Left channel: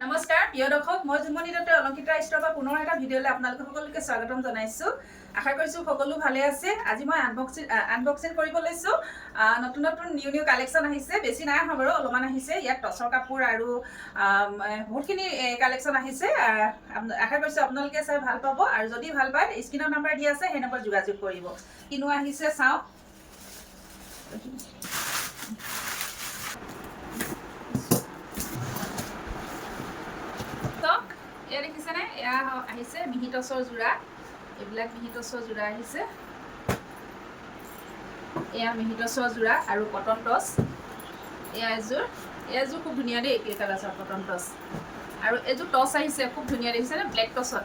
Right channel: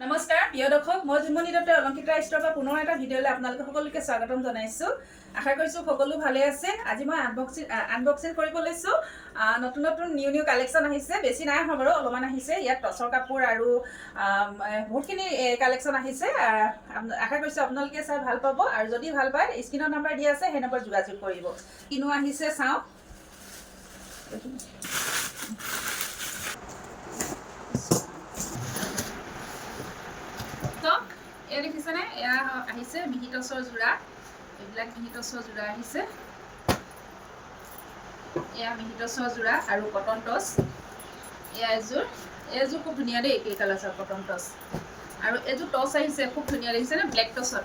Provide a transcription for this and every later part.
নমস্কাৰ প্ৰিয় দৰ্শক মই জুমনি দত্ত অলংকিতা ষ্টৰৰ পৰা পুনৰ এটা ভিডিঅ'লৈ আপোনালোক সকলোকে স্বাগতম জনাইছোঁ। আশা কৰিছোঁ সকলো ভালে আছে। আজি মই আনবক্সিং কৰিব লৈছোঁ। নতুন নতুন নিউ কালেকশ্যন আহিছে, বেছি নাই অহা বাৰু, অলপমান আহিছে। ইয়াত টচৰ কাপোৰ আৰু বহুতখিনি কালেকশ্যন আহিছে। আশা কৰিছোঁ আপোনালোকে চাই ভাল পাব, আৰু যদি ভাল পায় স্ক্ৰীনৰ নম্বৰ দিয়া আছে, সেই নম্বৰ যোগাযোগ কৰিব। কিনো আহিছে চাওঁ। এয়া দেখিছেনে, এয়া আহিছে মিহি টচৰ যোৰা। এইবিলাক মিহি টচৰ যোৰা আহিছে। এয়া মিহি টচৰ যোৰা আৰু কটন টচ। এয়া এযোৰ খুব ধুনীয়া দেই, এই কালাৰ কটন টচ। আৰু এইযোৰ টচ আহিছে খুব ধুনীয়া, দেখিছেনে ব্লেক টচত।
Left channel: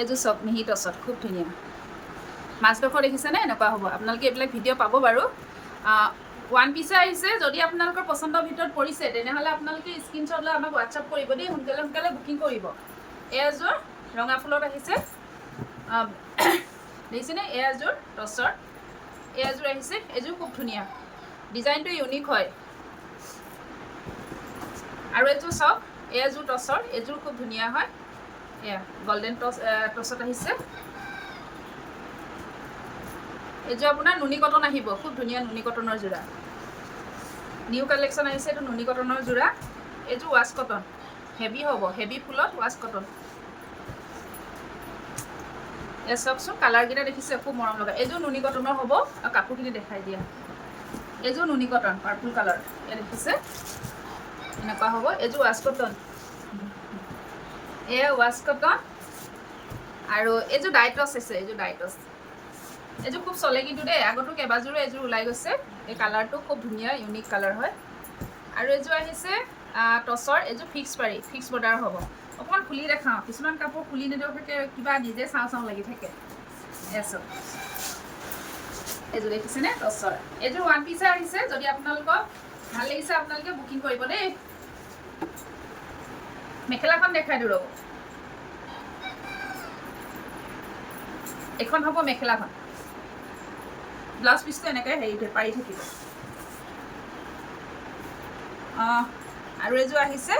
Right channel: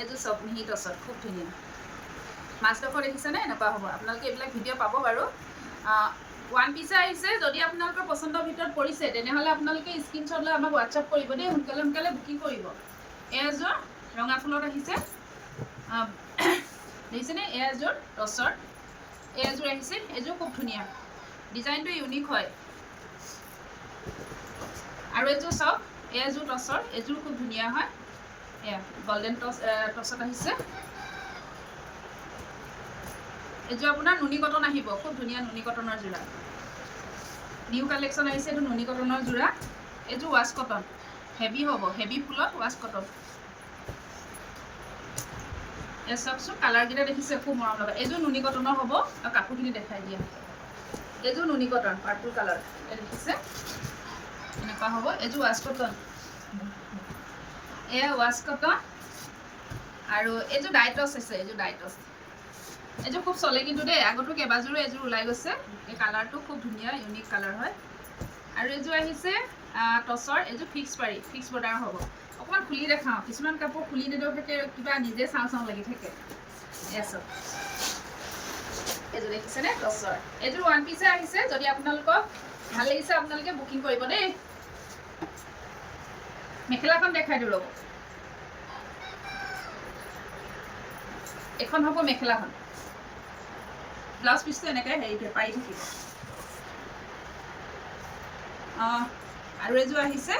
এইযোৰ চব মিহি টচত খুব ধুনীয়া। মাজডোখৰ দেখিছেনে, এনেকুৱা হ'ব। আপোনালোকে এইবিলাক ভিডিঅ' পাব বাৰু। ওৱান পিছে আহিছে। যদি আপোনালোকৰ পচন্দৰ ভিতৰত পৰিছে তেনেহ'লে আপোনালোকে স্ক্ৰীনশ্বট লৈ আমাক হোৱাটছআপ কৰিব দেই, সোনকালে বুকিং কৰিব। এযোৰ ৰঙা ফুলত আহিছে, দেখিছেনে। এযোৰ টচৰ, এযোৰ আহিছে। এযোৰ খুব ধুনীয়া, ডিজাইনটো ইউনিক হয়। আৰু এযোৰ চাওক, এযোৰ টচৰ, এযোৰ খুব ধুনীয়া হয়। এয়া গল্ডেন টচত আহিছে। এইযোৰ আপোনাৰ নুনি কটন আহিব, খুব ধুনীয়া নুনি কটনৰ যোৰা। নিউ কালেকশ্যন আহিছে, এইটো নুনি কটনৰ যোৰা। এইযোৰ ৱাছ কটন, হেভি হ'ব, হেভি ফুলত ৱাছ কটন। এয়া চাওকচোন, কালাৰকেইটা দেখিছে, খুব মৰম লগা। এইযোৰ নুনি কটনৰ হ'ব। আৰু কাপোৰখিনি দেখাই দিয়া। এইযোৰ নুনি কটন, পাৰ্পল কালাৰ। এয়া দেখিছে, এনেকুৱা হ'ব। এইযোৰ ৱাছ কটন, এয়া ৱাছ কটন। আৰু এইযোৰ ডাইটছ আছে, এইযোৰ ডাইটছ। এইযোৰ খুব চলে কিন্তু দেই, আগতো কেইবাযোৰো এযোৰ ওলাই গৈছে। এই কালাৰটো খুব ধুনীয়া, ইউনিক কালাৰ হয়। আৰু এযোৰ আহিছে টচৰ, এইযোৰ ফিক্স বৰ্ডাৰ হ'ব। অকণমান খুলি দেখাওঁ, কিছুমান কাপোৰ খুলি নেদেখাকে কিবা নিজে চাওঁ লাগি থাকে। এচব এইযোৰ দেখিছেনে, টচৰ। এইযোৰ ওৱান পিছে আহিছে। যদি আপোনালোকক ভাল লাগিছে আপোনালোকে বুকিং কৰিব দেই। মেখেলাখন দেখাই দিওঁ ৰ'ব। এইখন হ'ব মেখেলাখন। ব্লাউজ পিচটো এনেকৈ পাৰি থাকিব। আৰু এযোৰ আহিছে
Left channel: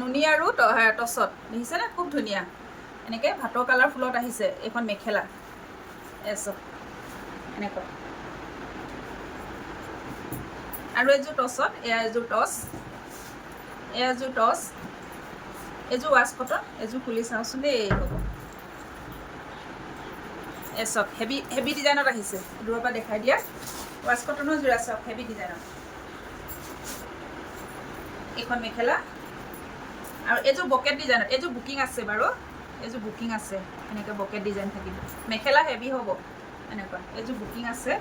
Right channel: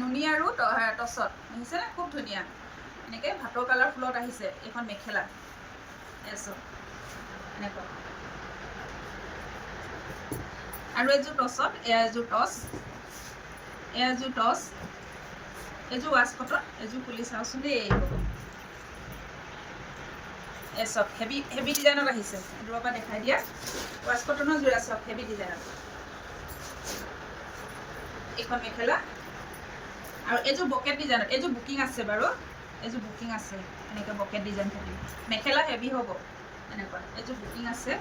নুনি আৰু টচত, দেখিছেনে, খুব ধুনীয়া। এনেকৈ ভাটৰ কালাৰ ফুলত আহিছে। এইখন মেখেলা এচব এনেকুৱা। আৰু এযোৰ টচত, এযোৰ টচ, এযোৰ টচ। এইযোৰ ৱাছ কটন। এইযোৰ খুলি চাওঁচোন দেই। চব হেভি ডিজাইনত আহিছে। দূৰৰ পৰা দেখাই দিয়া। ৱাছ কটনৰ যোৰা চব হেভি ডিজাইনত। এইখন মেখেলা। আৰু এইযোৰ বকেট ডিজাইনত, এইযোৰ বুকিং আছে বাৰু, এইযোৰ বুকিং আছে। এনেকৈ বকেট ডিজাইন থাকিব। মেখেলা হেভি হ'ব এনেকুৱা। এইযোৰ বুকিং আছে।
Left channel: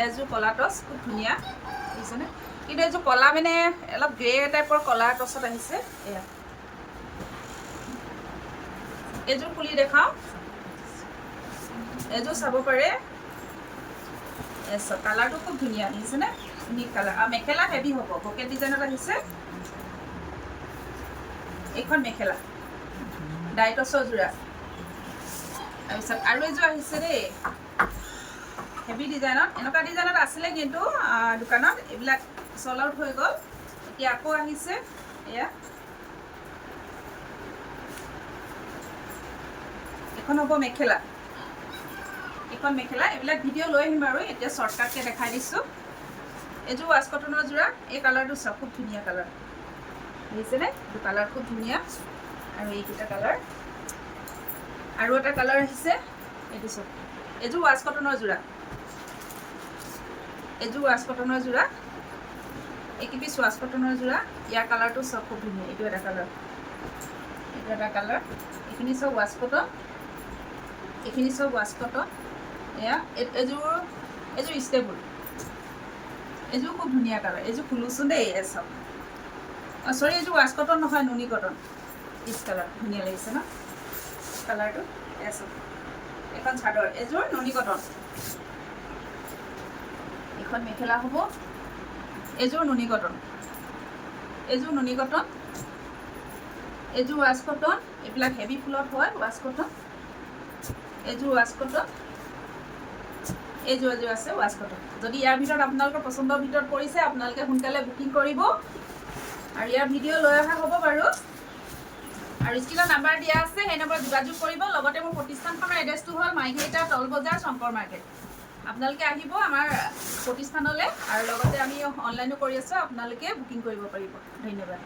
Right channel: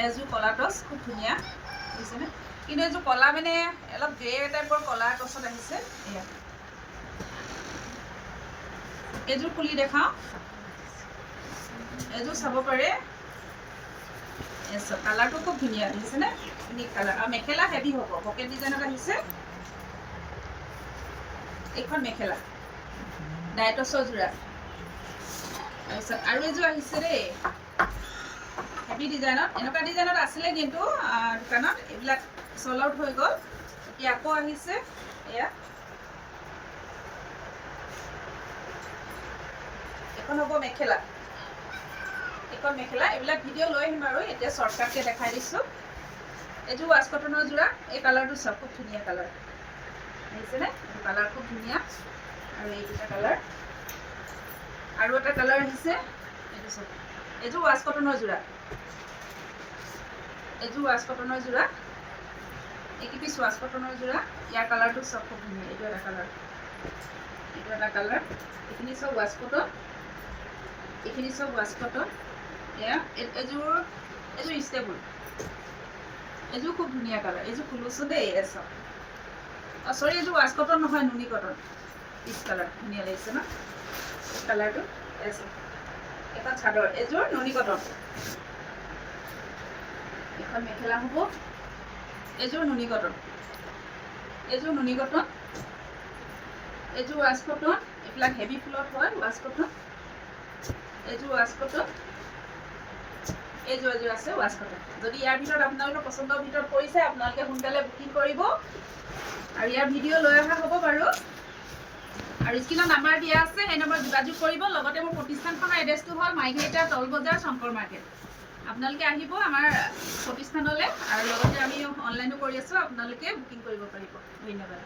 এইযোৰ কলা টচ, খুব ধুনীয়া, বুজিছেনে। কিন্তু এইযোৰ কলা মানে অলপ গ্ৰে টাইপৰ কলা টচত আহিছে। এয়া এইযোৰ খুলি দেখাওঁ। এইযোৰ চাব পাৰে। কালাৰটো খুব ধুনীয়া, দেখিছেনে, ইউনিক কালাৰ। আৰু মেখেলা হেভি হ'ব, বকেট ডিজাইনত আহিছে। এইখন মেখেলা ডাইটছৰ যোৰা। তাৰপিছত আৰু এযোৰ আহিছে দেই, হেভি ডিজাইনত। এনেকুৱা ডিজাইনত আছিলে কিন্তু দোকানত, এইবিলাক চল আউট হৈ গ'ল। এতিয়া আকৌ আহিছে। এয়া এখন হ'ব মেখেলা। এইখন মেখেলা। এইবিলাক ভিডিঅ' লৈ আহিম বাৰু, এতিয়া শ্বৰ্টকাটকৈ দেখাই দিছোঁ। এইযোৰ ৱাছ কটনৰ যোৰা। এই কালাৰটো চাওক, খুব ধুনীয়া কালাৰ, দেখিছেনে। এইটো কালাৰ খুব ধুনীয়া। আৰু এইকেইটা কালাৰ। আৰু এটা কালাৰ আহিছে, এইটো চাওক। এইযোৰ ৱাছ কটনৰ যোৰা। এইযোৰ ৱাছ কটনৰ যোৰা। এইকেইপিচ ৱাছ কটনৰ যোৰা। ইয়াৰ কালাৰটো চব খুব ধুনীয়া। এইটো এটা কালাৰ, এইটো এটা কালাৰ। এইখিনি চব ৱাছ কটন, এইখিনি চব ৱাছ কটন। এয়া এইযোৰ ষ্টেবুল। এইযোৰ খুব ধুনীয়া কালাৰ। এইযোৰ খুলোচোন দেই। চব চৰি, এইযোৰ ৱাছ কটন নহয়, নুনি কটন। পিচ কালাৰ ধুনীয়া লাগিছে ন কালাৰটো। এখন চাদৰ। এইযোৰ নুনি কটন। এখন মেখেলা হ'ব। এইযোৰ নুনি কটন। এইযোৰ নুনি কটন। এইযোৰ ৱাছ কটন। এইবিলাক হেভি ফুলত হয়, ৱাছ কটন। এইযোৰ ৱাছ কটন। এইযোৰ আছে ৱাছ কটন। যদি ইয়াৰ ভিতৰত আপোনালোকৰ পচন্দৰ ভিতৰত পৰিছে আপোনালোকে সোনকালে বুকিং কৰিব। আৰু ইয়াৰ ভিডিঅ' লৈ অহা হ'ব বাৰু। আৰু স্ক্ৰীনত নাম্বাৰ দিয়া আছে, সেই নম্বৰত যোগাযোগ কৰিব। লগতে মোৰ প্ৰতিষ্ঠানখনৰ এড্ৰেছটো হ'ল মাইঘেৰিটা তল বজাৰ শংকৰ মাৰ্কেট। আপোনালোকে আহিব আমাৰ প্ৰতিষ্ঠানলৈ, আৰু লগতে আমি অনলাইনো কৰি আছোঁ, আপোনালোকে বুকিং কৰিব পাৰিব। ধন্যবাদ।